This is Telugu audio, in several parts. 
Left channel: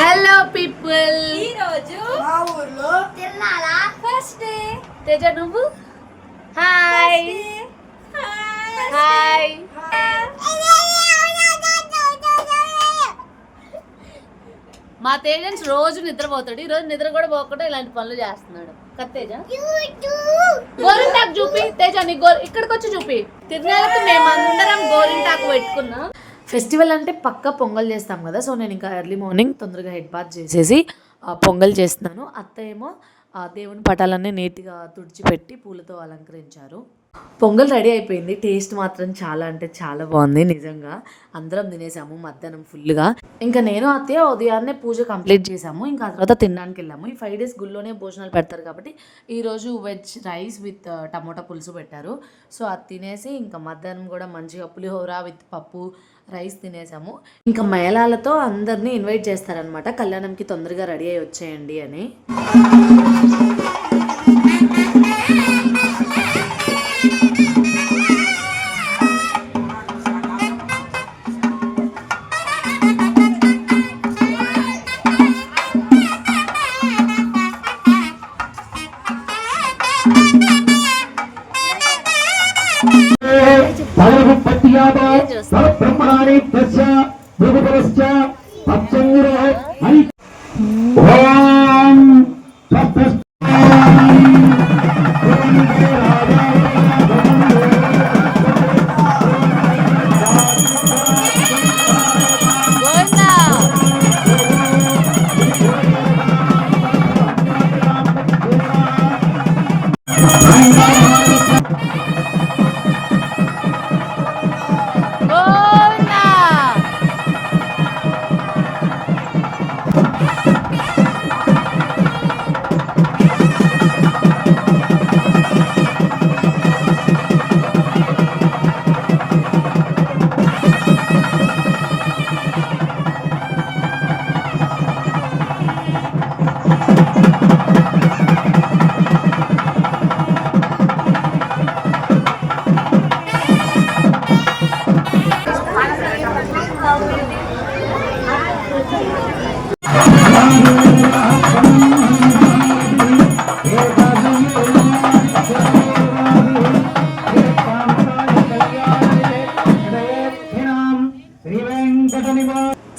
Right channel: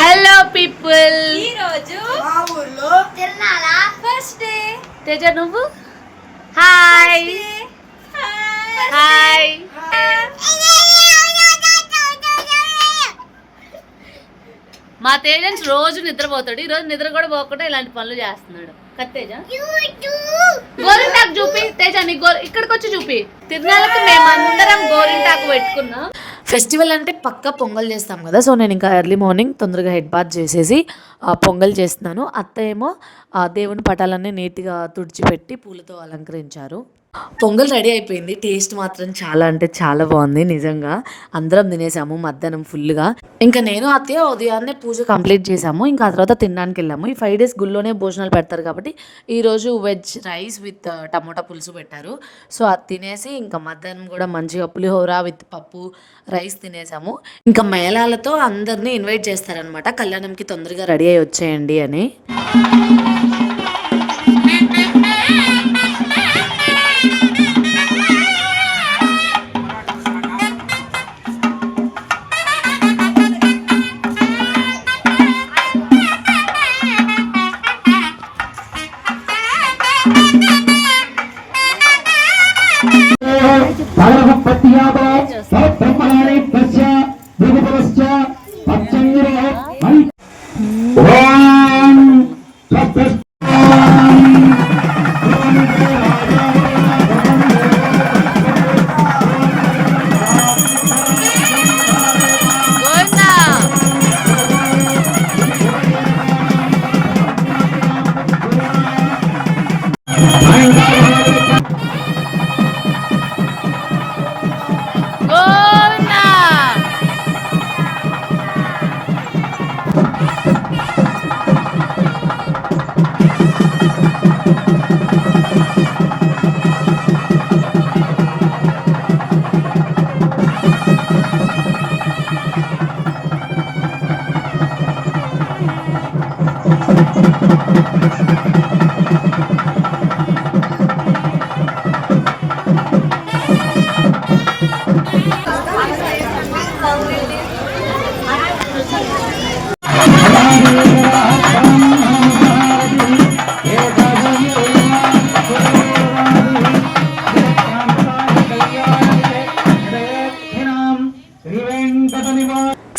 హలో పీపుల్, ఈ రోజు మా ఊర్లో తిరునాళ ఫస్ట్ డే. తేజ నువ్వు హాయ్ హాయ్. మా తేజన్స్ రోజు నిద్రపోతాడు, ఈ రోజు నిద్ర కూడా పోకుండా ఇలాంటి పనులు చేస్తున్నాడు. కత్తేజ గోరింటాకు చూపి, తేజ నీ ఇక్కడికి వచ్చి చూపి. తిరునాళ్ళకి మేము అందరం గోరింటాకు పెట్టుకున్నాం. ఫెస్టివల్ అంటే పక్కా పొంగల్ చేస్తాం కదా, సో నేను ఇంకా ఎర్లీ మార్నింగ్ తొందరగా హెడ్ బాత్ చేసేసి పొంగల్ చేస్తున్నాను. అత్త ఏమో దేవుని పటాలన్నీ నీట్గా తుడిచిపెట్టి పూలతో అలంకరించారు. పొంగల్ రెడీ అయిపోయింది. టేస్ట్ మాత్రం చాలా అంటే చాలా బాగుంది నిజంగా. అందరం తినేసాము మధ్యాహ్నం ఫుల్గా. ఇంకా నేను అత్తయ్య ఉదయాన్నే పూజ కంప్లీట్ చేసాము. ఇంకా ఆ తర్వాత తినడానికి వెళ్ళాము. ఈ 5 days గుళ్ళోనే భోజనాలు పెడతారు కాబట్టి ఈరోజు వెజ్ రైస్ విత్ టమోటా పులుసు పెట్టారు. సో అది తినేసి ఇంకా మధ్యాహ్నం కూడా మంచిగా పులిహోర విత్ పప్పు రైస్ తినేసాము. ఇంకా మేళాలతో అందరినీ ఇన్వైట్ చేస్తారనమాట, కళ్యాణంకి తొందరగా రెడీ అయ్యి వచ్చేయండి అని.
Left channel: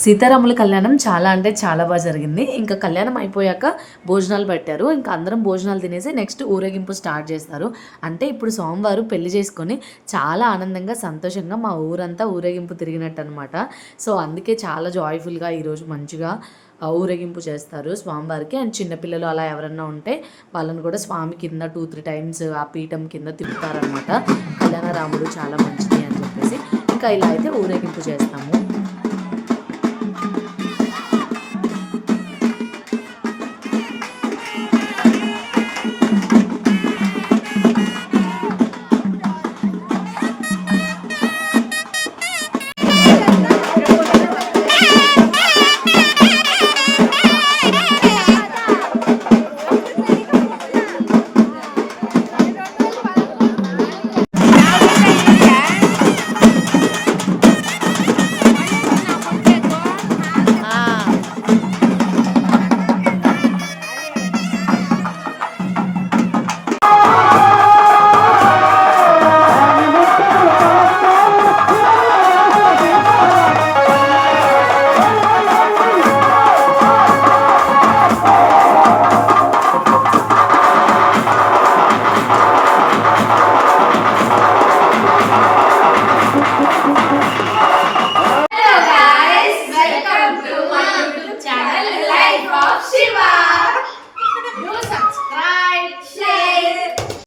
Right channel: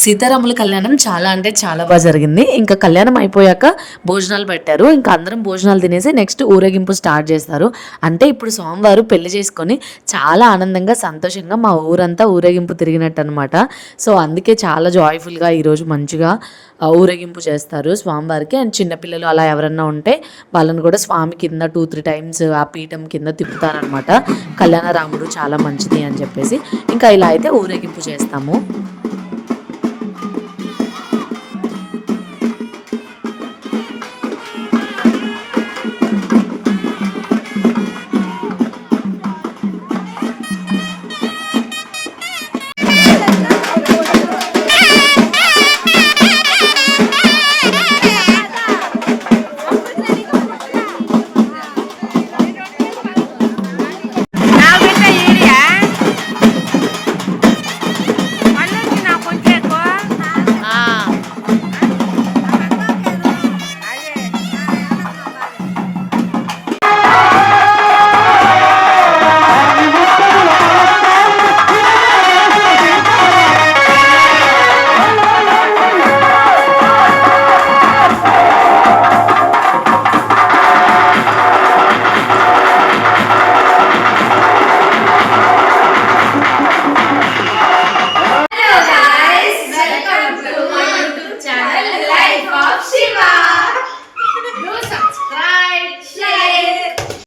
సీతారాముల కళ్యాణం చాలా అంటే చాలా బాగా జరిగింది. ఇంకా కళ్యాణం అయిపోయాక భోజనాలు పెట్టారు. ఇంకా అందరం భోజనాలు తినేసి నెక్స్ట్ ఊరేగింపు స్టార్ట్ చేస్తారు. అంటే ఇప్పుడు సోమవారం పెళ్లి చేసుకొని చాలా ఆనందంగా సంతోషంగా మా ఊరంతా ఊరేగింపు తిరిగినట్టు అనమాట. సో అందుకే చాలా జాయ్ఫుల్గా ఈరోజు మంచిగా ఊరేగింపు చేస్తారు స్వామివారికి. అండ్ చిన్నపిల్లలు అలా ఎవరన్నా ఉంటే వాళ్ళని కూడా స్వామి కింద 2-3 times ఆ పీఠం కింద తిప్పుతారనమాట. కళ్యాణ రాముడు చాలా మంచిది అని చెప్పేసి ఇంకా ఇలా అయితే ఊరేగింపు చేస్తాము. Shiva.